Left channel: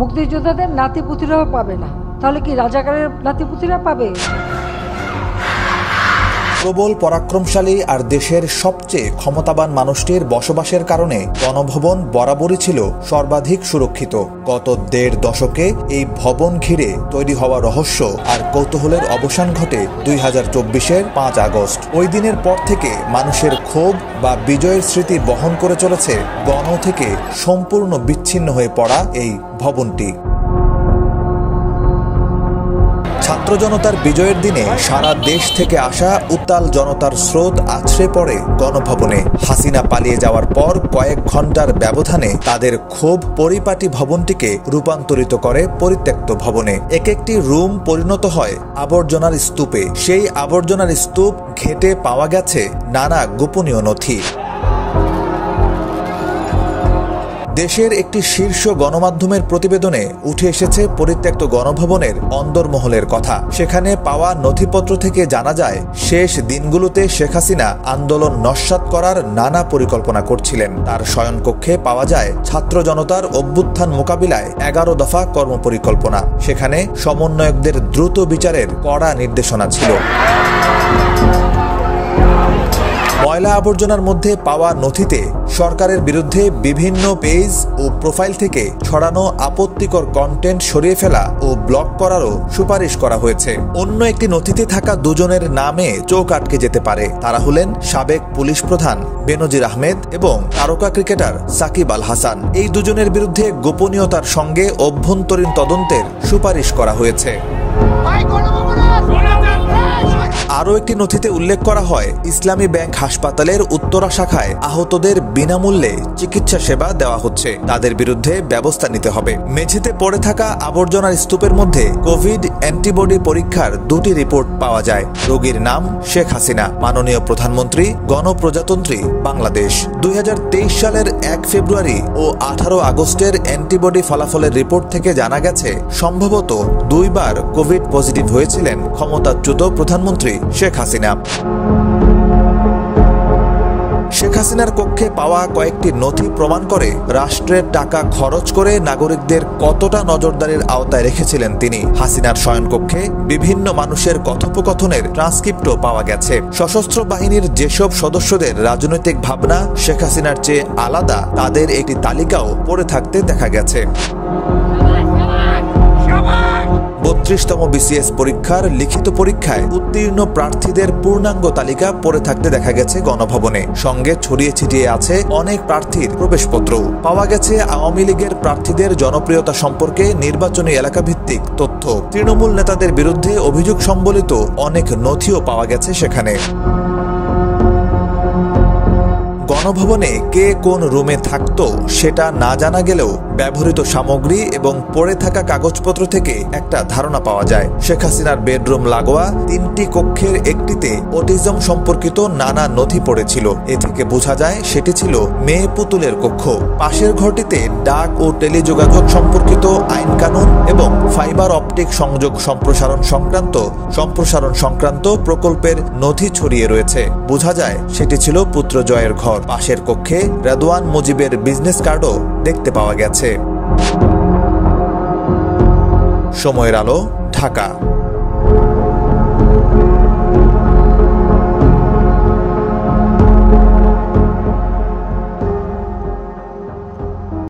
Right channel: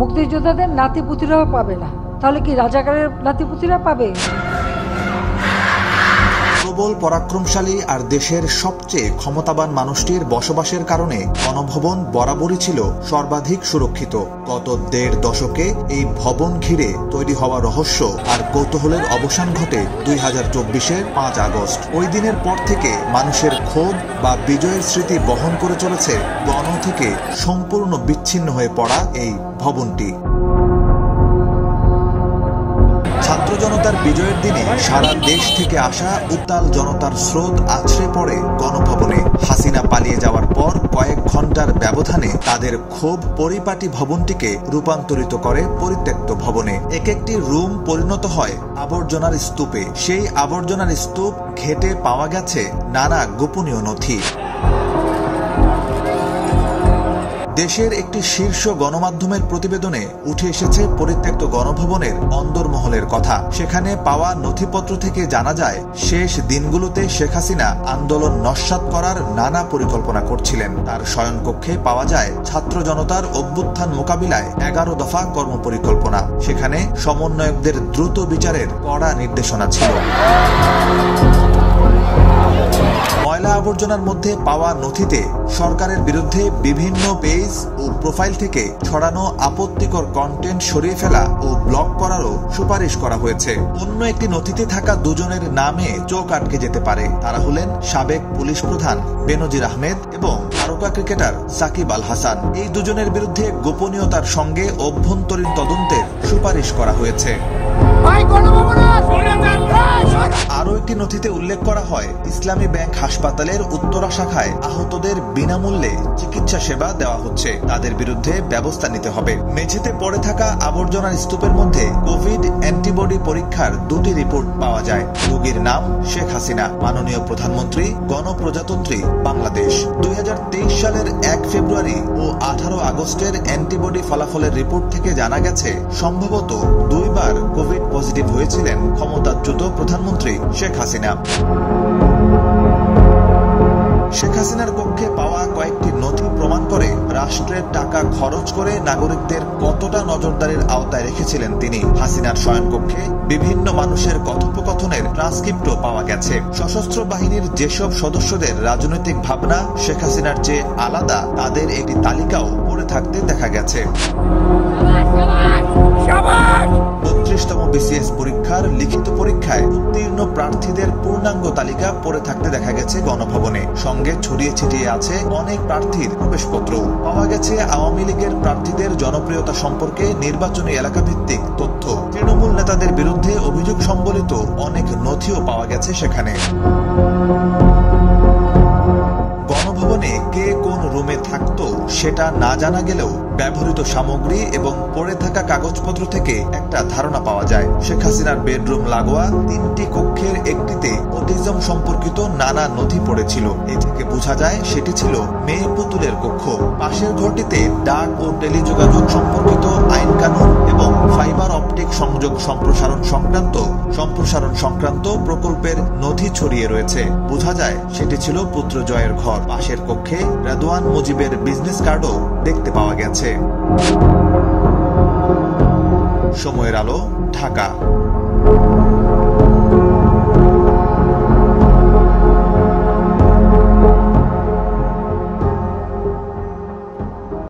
মুক্তিযোদ্ধাদের নাতিপুতিরাও পাবে না, তাহলে কি রাজাকারের নাতিপুতিরা পাবে? প্রবল পরাক্রমশালী আর দেশের সবচেয়ে ক্ষমতাবান মানুষটির বসবাসের কারণে গণভবন বরাবরই ছিল সর্বাধিক সুরক্ষিত। গত ১.৫ দশকে এই ভবন ঘিরে তৈরি হওয়া রহস্য আর কৌতূহলের অবসান ঘটে ২০২৪-এর ৫ আগস্ট। ওই দিনের পর থেকে মানুষের ক্ষোভ বা বিজয়ের স্মৃতি বহন করে চলেছে গণ থেকে সম্পূর্ণ বিচ্ছিন্ন হয়ে পড়া এই ভবনটি। ছাত্র জনতার বিজয়ের দিনে সারা দেশ থেকে আসা উত্তাল জনতার স্রোত আছড়ে পড়ে গণভবনে। হাসিনা পালিয়ে যাওয়ার পর কয়েক ঘন্টার ব্যবধানে তাদের ক্ষোভ পরিপাটি ভবনটিকে রূপান্তরিত করে পরিত্যক্ত ভবনে। এক একটি রুম পরিণত হয় আবর্জনার স্তূপে। সেই আবর্জনার স্তূপ ঘেঁটে পাওয়া গেছে নানা গোপনীয় নথি। দেশের একটি শীর্ষ গণমাধ্যমের প্রতিবেদনে উঠে এসেছে পরিত্যক্ত গণভবনের অন্দরমহলের কথা। সেখানে পাওয়া নথিপত্র থেকে জানা যায়, শেষ দিনগুলোতে শেখ হাসিনা আন্দোলন নস্যাৎ করার নানা পরিকল্পনা করছিলেন। তার শয়নকক্ষে পাওয়া যায় ছাত্র জনতার অভ্যুত্থান মোকাবিলায় ১১ দফা কর্মপরিকল্পনা। সেখানে সমন্বয়কদের দ্রুত বিচারের কড়া নির্দেশনা ছিল। ময়লা আবর্জনার মধ্যে পাওয়া নথিতে সরকারের বিরুদ্ধে বিভিন্ন পেজ ও প্রোফাইল থেকে ছড়ানো আপত্তিকর কন্টেন্ট সরিয়ে ফেলা ও ব্লক করারও সুপারিশ করা হয়েছে। অন্য একটি নথিতে থাকা দুজনের নামে চোখ আটকে যেতে পারে। তারা হলেন সাবেক পুলিশ প্রধান বেনজির আহমেদ এবং তারকা ক্রিকেটার সাকিব আল হাসান। এই দুজনের বিরুদ্ধে গোপনীয়তার সঙ্গে অভ্যন্তরীণ তদন্তের সুপারিশ করা হয়েছে। আরও একটি নথিতে উল্লেখ করা হয়, ইসলামী ব্যাংক হাসপাতালের উত্তরা শাখায় আহতদের বিনামূল্যে চিকিৎসা সেবা দেওয়া হচ্ছে। তাদের বিরুদ্ধে ব্যবস্থা নিতে হবে। মেঝেতে পড়ে থাকা আবর্জনার স্তূপের মধ্যে কোভিড অ্যান্টিবডি পরীক্ষার ২টি রিপোর্ট পাওয়া যায়। রোগীর নাম শেখ হাসিনা, মাননীয় প্রধানমন্ত্রী, গণপ্রজাতন্ত্রী বাংলাদেশ। ২০২৩ সালের ১ ফেব্রুয়ারি ও ১৮ আগস্টের অ্যান্টিবডি ফলাফলের রিপোর্ট থেকে জানা গেছে, সম্ভবত ২ বার কোভিড পজিটিভ হয়েছিলেন ক্ষমতাচ্যুত প্রধানমন্ত্রী শেখ হাসিনা। শেখ হাসিনার কক্ষে পাওয়া কয়েকটি নথি প্রমাণ করে রাষ্ট্রের টাকা খরচ করে নাগরিকদের কতটা নজরদারির আওতায় রেখেছিলেন তিনি। হাসিনার শয়নকক্ষে বিভিন্ন মানুষের কথোপকথনের ট্রান্সক্রিপ্টও পাওয়া গেছে। সশস্ত্র বাহিনীর যেসব সদস্যদের রাজনৈতিক ভাবনা শেখ হাসিনার চেয়ে আলাদা, তাদের একটি তালিকাও পড়ে থাকতে দেখা গেছে। ৩২তম বিসিএস পরীক্ষার লিখিত পরীক্ষায় উত্তীর্ণ প্রার্থীদের পূর্ণাঙ্গ তালিকা পড়ে থাকতে দেখা গেছে গণভবনে। সঙ্গে ছড়িয়ে ছিটিয়ে আছে অনেক প্রার্থীর প্রবেশপত্র। পাওয়া গেছে আওয়ামী লীগের প্রার্থীদের জনপ্রিয়তা সম্পর্কে নির্বাচনী এলাকাভিত্তিক তথ্য। তৃণমূল নেতাদের বিরুদ্ধে অভিযোগ সম্বলিত অনেক নথিও পাওয়া গেছে সেখানে। গণভবনে কে কোন রুমে থাকতো সেটা না জানা গেলেও ব্যবহৃত সামগ্রী এবং পড়ে থাকা কাগজপত্র থেকে একটা ধারণা পাওয়া যায়। শেখ হাসিনার বেডরুম লাগোয়া ৩টি কক্ষের একটিতে অটিজম সম্পর্কিত নানা নথি পড়েছিল। এ থেকে বোঝা যায় সেটি ছিল মেয়ে পুতুলের কক্ষ। পাশের ঘরটিতে ডাক ও টেলিযোগাযোগ সম্পর্কিত আইন কানুন এবং ফাইবার অপটিক সংযোগ সম্প্রসারণ সংক্রান্ত প্রকল্পের নথি ছড়িয়ে রয়েছে। বোঝা যায় সেটি ছিল পুত্র জয়ের ঘর। পাশের কক্ষে রেদওয়ান মুজিবের বিজনেস কার্ডও দেখতে পাওয়া গেছে। সময়ের আলো, ঢাকা।